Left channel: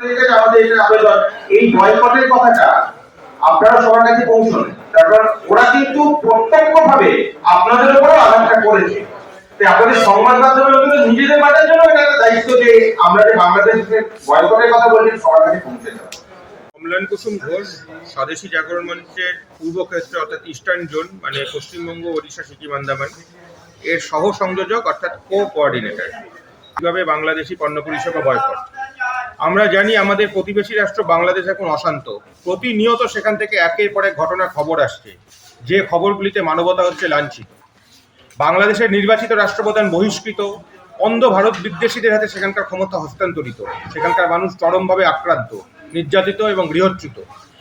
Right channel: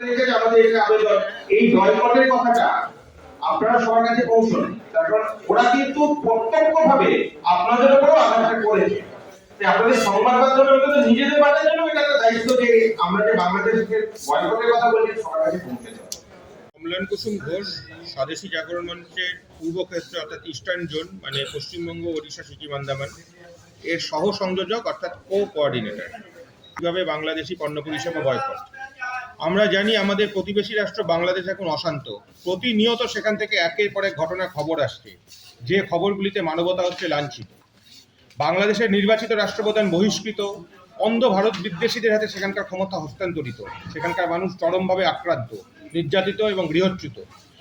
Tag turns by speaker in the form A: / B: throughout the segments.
A: আবেদন এই বয়কটের কথাটা আপনারা সবার কাছে পৌঁছন। তারপর ওরা কিন্তু প্রত্যক্ষভাবে আপনাদের আঘাতটা করেছে। আপনাদের সংবাদ মাধ্যমের কিন্তু নিজেদের বাঁচার জন্য এটা একটা দায়িত্ব যে আমরা যে বাংলাদেশকে বয়কটের কথা সবার কাছে পৌঁছে দেবো
B: অম্লান কুসুম ঘোষ, স্বদেশী জাগরণ মঞ্চের পূর্ব ক্ষেত্র অর্থাৎ ইস্টার্ন জোন মানে পশ্চিমবঙ্গ, ওড়িশা, সিকিম, আন্দামান, এর সহ সংযোজক অর্থাৎ কো কোঅর্ডিনেটর কীভাবে বাংলাদেশি পণ্য পরিষেবা বয়কট আমরা জানি আমাদের প্রতিবেশী রাষ্ট্র বাংলাদেশ এখন অশান্ত। প্রতিনিয়ত সেখান থেকে একের পর এক ঘটনা খবর আসছে। যে খবরগুলিতে মানবতা হচ্ছে লাঞ্ছিত। বাংলাদেশের নির্বাচিত রাষ্ট্রপ্রধান বহিষ্কৃত। অন্ধ ভারত বিদ্বেষীদের হাতে সেখানকার ক্ষমতা হস্তান্তরিত। সেখানকার মানুষ চরমভাবে আক্রান্ত, নির্যাতিত এবং গৃহচ্যুত।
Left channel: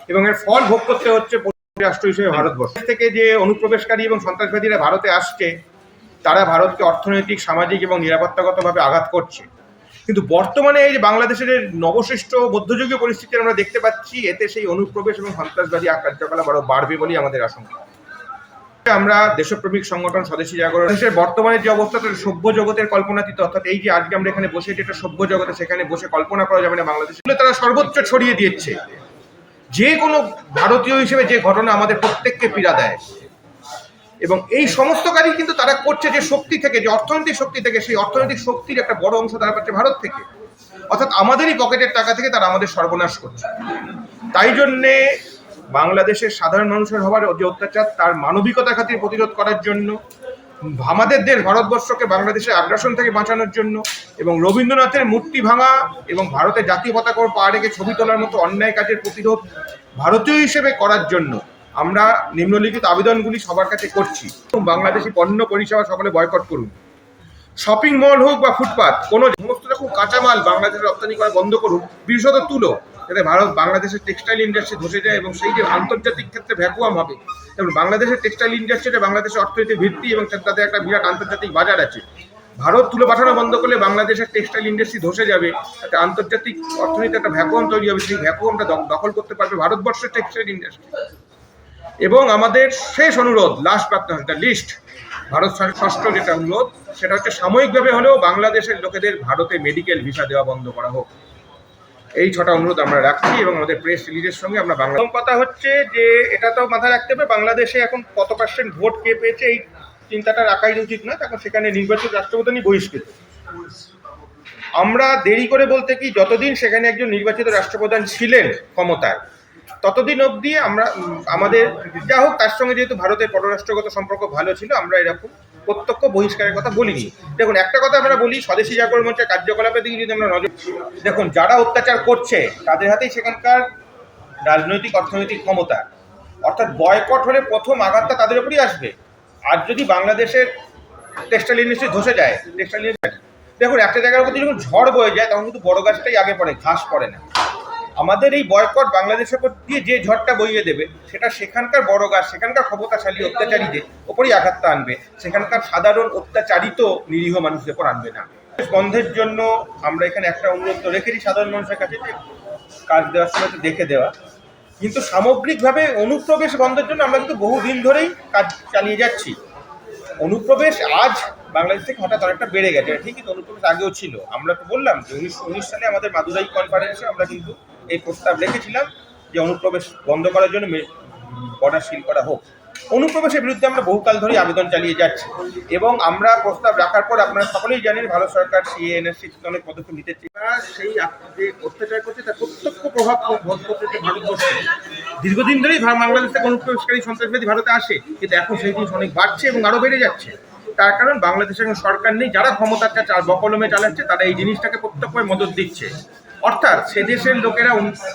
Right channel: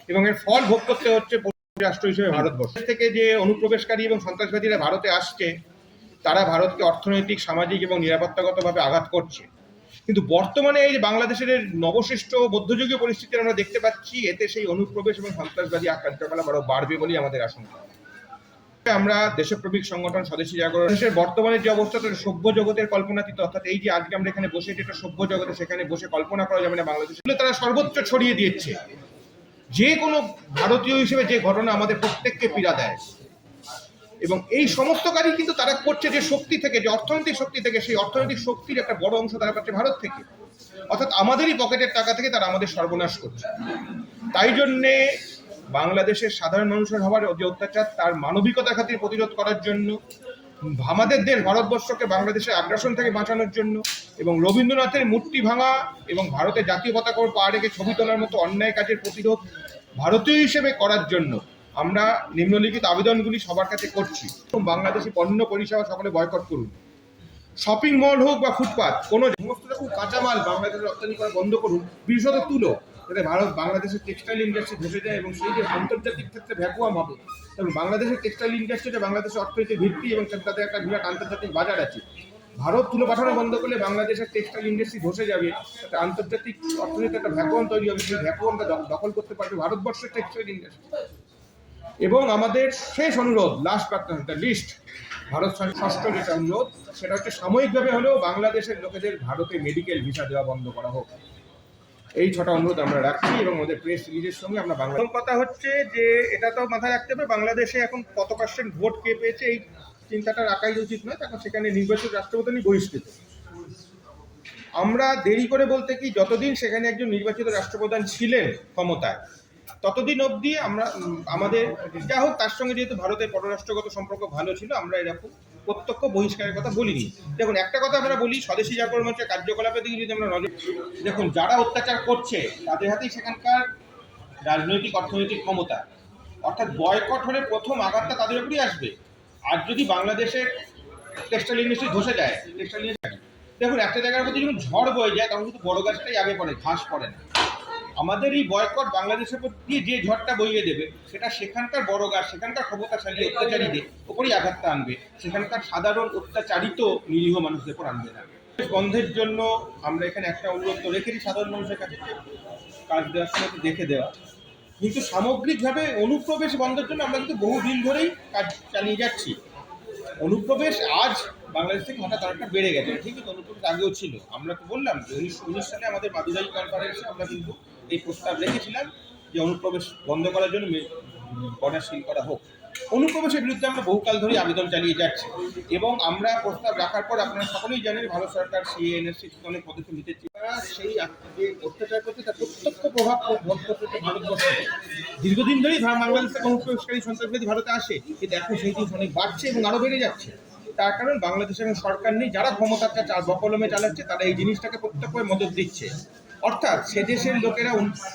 B: এবং এর ফল ভোগ করতে হচ্ছে রাষ্ট্র হিসেবে ভারতবর্ষ। থেকে যে অনুপ্রবেশকারী এবং সন্ত্রাসবাদীরা ভারতে আসছে, তারা ভারতকে অর্থনৈতিক, সামাজিক এবং নিরাপত্তাগতভাবে আঘাত করছে। কিন্তু বর্তমানে এই যে বাংলাদেশের নবসৃষ্ট মধ্যযুগীয় পরিস্থিতি আমরা দেখতে পাচ্ছি, এতে সেই অনুপ্রবেশ এবং সন্ত্রাসবাদী কার্যকলাপ আরও বাড়বে বলেই আমাদের আশঙ্কা। আমরা দেশপ্রেমিক সংগঠন স্বদেশী জাগরণ, দেশের বর্তমানে যে অবস্থা, তার সভ্য জগতের কল্পনাতীত অর্থাৎ এই যে আজকে আমরা এখানে বসে, যেটা সভ্য জগতে, সেখানে বসে কল্পনা করা যাবে না বাংলাদেশে। বলে তারা সর্বোচ্চ ছড়িয়ে দিয়েছে। যে কোনো ভারতীয় হিসেবে যে ঘটনা আমাদের প্রত্যেককে পীড়া দেয়। এবং এই সমস্ত কাজই কিন্তু তারা করছে যে শক্তি থেকে, যে অর্থনৈতিক শক্তি থেকে, সেই অর্থনৈতিক শক্তির একটা বড় অংশ তারা পাচ্ছে ভারত থেকে। অর্থাৎ আমাদেরই পকেটের টাকা থেকে তারা আমাদের সর্বনাশ করছে। তাই জন্যে বাংলাদেশের সাধারণ মানুষের হওয়ার যে অত্যাচার, তার মানবিকতা খাতির প্রতিরোধ করার জন্য, আমাদের দেশ ভারতবর্ষকে বাংলাদেশের আগ্রাসন থেকে বাঁচানোর জন্য এবং রবীন্দ্রনাথের মূর্তি ভাঙা এবং ভারতের জাতীয় পতাকা পা রেখে ছবি তোলার মতো অন্যায় কাজের প্রতিরোধ ভারতীয় হিসেবে করার জন্য আমরা নিম্নলিখিত আবেদনগুলি সবার কাছে করছি। বাংলাদেশি পণ্য পরিষেবা সকলে বয়কট করুন। শপিং মল হোক বা ফুটপাথ কোনো সমস্ত রকম কাঁচামাল বাংলাদেশে রপ্তানি করা বন্ধ করুন। বিশেষত তুলো, যাতে ভারত বাংলাদেশের টেক্সটাইল ইন্ডাস্ট্রি ধসে যায় এবং সেই যে আন্তর্জাতিক ক্ষেত্রে ভ্যাকুয়াম হবে। এবং বাংলাদেশের টেক্সটাইল ইন্ডাস্ট্রিটা বাংলাদেশের অর্থনীতির ভিত্তি এবং তাদের একটা বিরাট আন্তর্জাতিক বাজার আছে। ভারত তুলো পাঠানো বন্ধ করলে বাংলাদেশের টেক্সটাইল ইন্ডাস্ট্রি ধসে যাবে। একটা আন্তর্জাতিক অর্থনীতি একটা ভ্যাকুয়াম তৈরি হবে। সেই ভ্যাকুয়ামটা দখল করতে পারবে ভারতবর্ষের টেক্সটাইল ইন্ডাস্ট্রি এবং আমাদের শেষ অনুরোধ last but the least Bharat ষষ্ঠ যেটা অনুরোধ, সেটা হচ্ছে সাময়িকভাবে হলেও বাংলাদেশের লোকেদের ভারতে মেডিকেল ভিসা দেওয়া বন্ধ করা হোক। এই ছটা অনুরোধ আমরা রাখছি এবং আমাদের প্রেস রিলিজের সঙ্গে আমরা বাংলা কথা হচ্ছে যে, এটা তো মাথায় রাখতে হবে, বাংলাদেশে এখন কত পার্সেন্ট ভোট কে পেয়েছে এই চিন্তাটা রাখাই উচিত নয়। এখন সেখানে নির্বাচিত রাষ্ট্রপ্রধানই বহিষ্কৃত। আমরা দেরি করে বলতে কি, যতদিন সেখানে একজন নির্বাচিত রাষ্ট্রপ্রধান ছিলেন ক্ষমতায় ততদিন অবধি আমরা আমাদের যা হোক, তার সঙ্গে যেহেতু ভারতের পররাষ্ট্রগত সম্পর্ক ভালো ছিল, আমরা এরকম প্রত্যক্ষ বহিষ্কারের কথা বলিনি। দেখুন, একটা কথা আমরা বলি, স্বদেশী জাগরণ মঞ্চের কার্যকলাপের দিকে যদি আমরা নজর দেখুন, যারা অত্যাচার করছে, তাদের হাতেই সেখানকার রাজনৈতিক, অর্থনৈতিক ক্ষমতা। অর্থাৎ বয়কট হলে প্রথম আঘাতটা তাদের উপরই আসবে। আর যদি বাংলাদেশের টেক্সটাইল ইন্ডাস্ট্রি ধসে যায়, টেক্সটাইল ইন্ডাস্ট্রি দেখুন, একটা জায়গার মধ্যে যখন ঝড় বয়ে যায়, তখন কিন্তু বড় গাছটাই আগে পড়ে, ঘাস পড়ে না। আমাদের এই বয়কট বাংলাদেশের উপর দিয়ে যে ঝড়টা বইয়ে দেবে, সেটা সেখানকার বড় গাছ, সেখানকার ক্ষমতাশালী অত্যাচারীদের ওপরই আঘাতটা আনবে। সেখানকার সাধারণ অত্যাচারিত নিরীহ মানুষদের উপর আনবে না। বন্ধের জন্য আমরা এখানে একটা অনুরোধ রেখেছি সাধারণ মানুষের কাছে যে কাজ দেওয়ার সময় দেখে দেওয়া। কিন্তু সামগ্রিকভাবে অনুপ্রবেশ বন্ধের জন্য আমরা কিন্তু বহুদিন ধরেই কাজ চালিয়ে যাচ্ছি। অনুপ্রবেশ আজ বাংলাদেশ থেকে হঠাৎ অনেকটা বেড়ে গেছে। ঠিকই তো অনুপ্রবেশ আগেও ছিল। আমরা তো বললাম যে উনিশশো উনিশ সালে আমাদের মাদুরাই কনফারেন্সে আমরা কিন্তু এই প্রস্তাব রেখেছিলাম যে অনুপ্রবেশ বন্ধ করার জন্য বর্ডার সিল করা হোক। অনুপ্রবেশের বিরুদ্ধে আমরা বহুকাল ধরেই আবেদন চালিয়ে যাচ্ছি এবং আমরা প্রস্তাব রাখার পর আপনারা সকলেই জানেন ভারত সরকার সিএনএসসি অনেক পদক্ষেপ নিতে সেই যে অত্যাচার করছে, তার প্রত্যক্ষ প্রভাব ভারতবর্ষে। দীর্ঘদিন ধরেই বাংলাদেশ থেকে অনুপ্রবেশকারী সন্ত্রাসবাদী ভারতে আসে, কিন্তু এখন সেই জিনিস অনেক বাড়ছে এবং আরও বেড়ে যাচ্ছে। তার কারণ বাংলাদেশে এখন সরকার নেই, যারা ক্ষমতাটা চা- বকলমে চালাচ্ছে, তারা এই জিনিসটাকে প্রত্যক্ষভাবে মদত দিচ্ছে। অর্থাৎ সে দেশের লোকেরা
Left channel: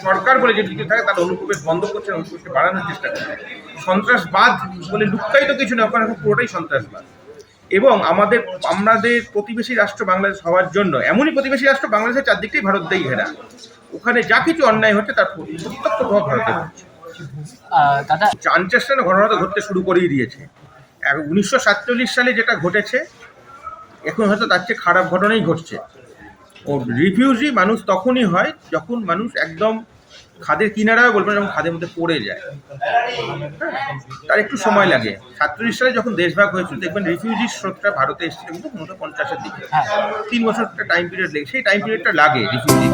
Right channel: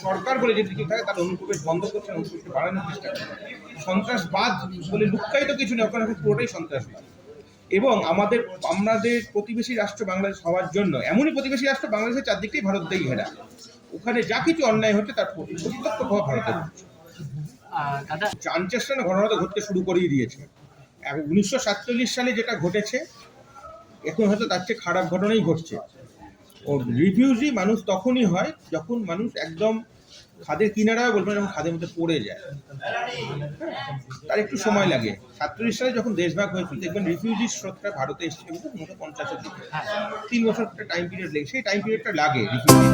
B: সরকার বলে যে দিকে থাকে তারা অনুপ্রবেশ বন্ধ করছে অনুপ্রবেশকে বাড়ানোর চেষ্টা করছে। সন্ত্রাসবাদ বলে লুকায়িত কিছু না ওখানে পুরোটাই সন্ত্রাসবাদ। এবং আমাদের আমাদের প্রতিবেশী রাষ্ট্র বাংলাদেশ হওয়ার জন্য এমনই প্রতিবেশী রাষ্ট্র বাংলাদেশের চারদিকটাই ভারত দিয়ে ঘেরা। ওখানে যা কিছু অন্যায় হচ্ছে তার প্রত্যক্ষ প্রভাব ভারতে হচ্ছে
C: দাদা
A: ঘটনা তো ঘটতে শুরু করেই দিয়েছে। উনিশশো সাতচল্লিশ সালে যেটা ঘটেছে এখন হয়তো তার চেয়ে খারাপ ঘটনাই ঘটছে। ও রিফিউজি মানুষ তখনই হয় যখন মানুষ একদম খাদের কিনারাও বলবেন যখন খাদের মধ্যে পড়ে যায়। তার একটু সময় লাগে। সাতত্রিশ সালে যখন দেশভাগ হয়েছিল দেখবেন রিফিউজি স্রোতটা ভারতে এসেছিল কিন্তু উনিশশো পঞ্চাশের দিকে।
C: হ্যাঁ।
A: তিন বছর একটা টাইম পিরিয়ড লেগে সেই টাইম পিরিয়ডটা লাগে রিফিউজি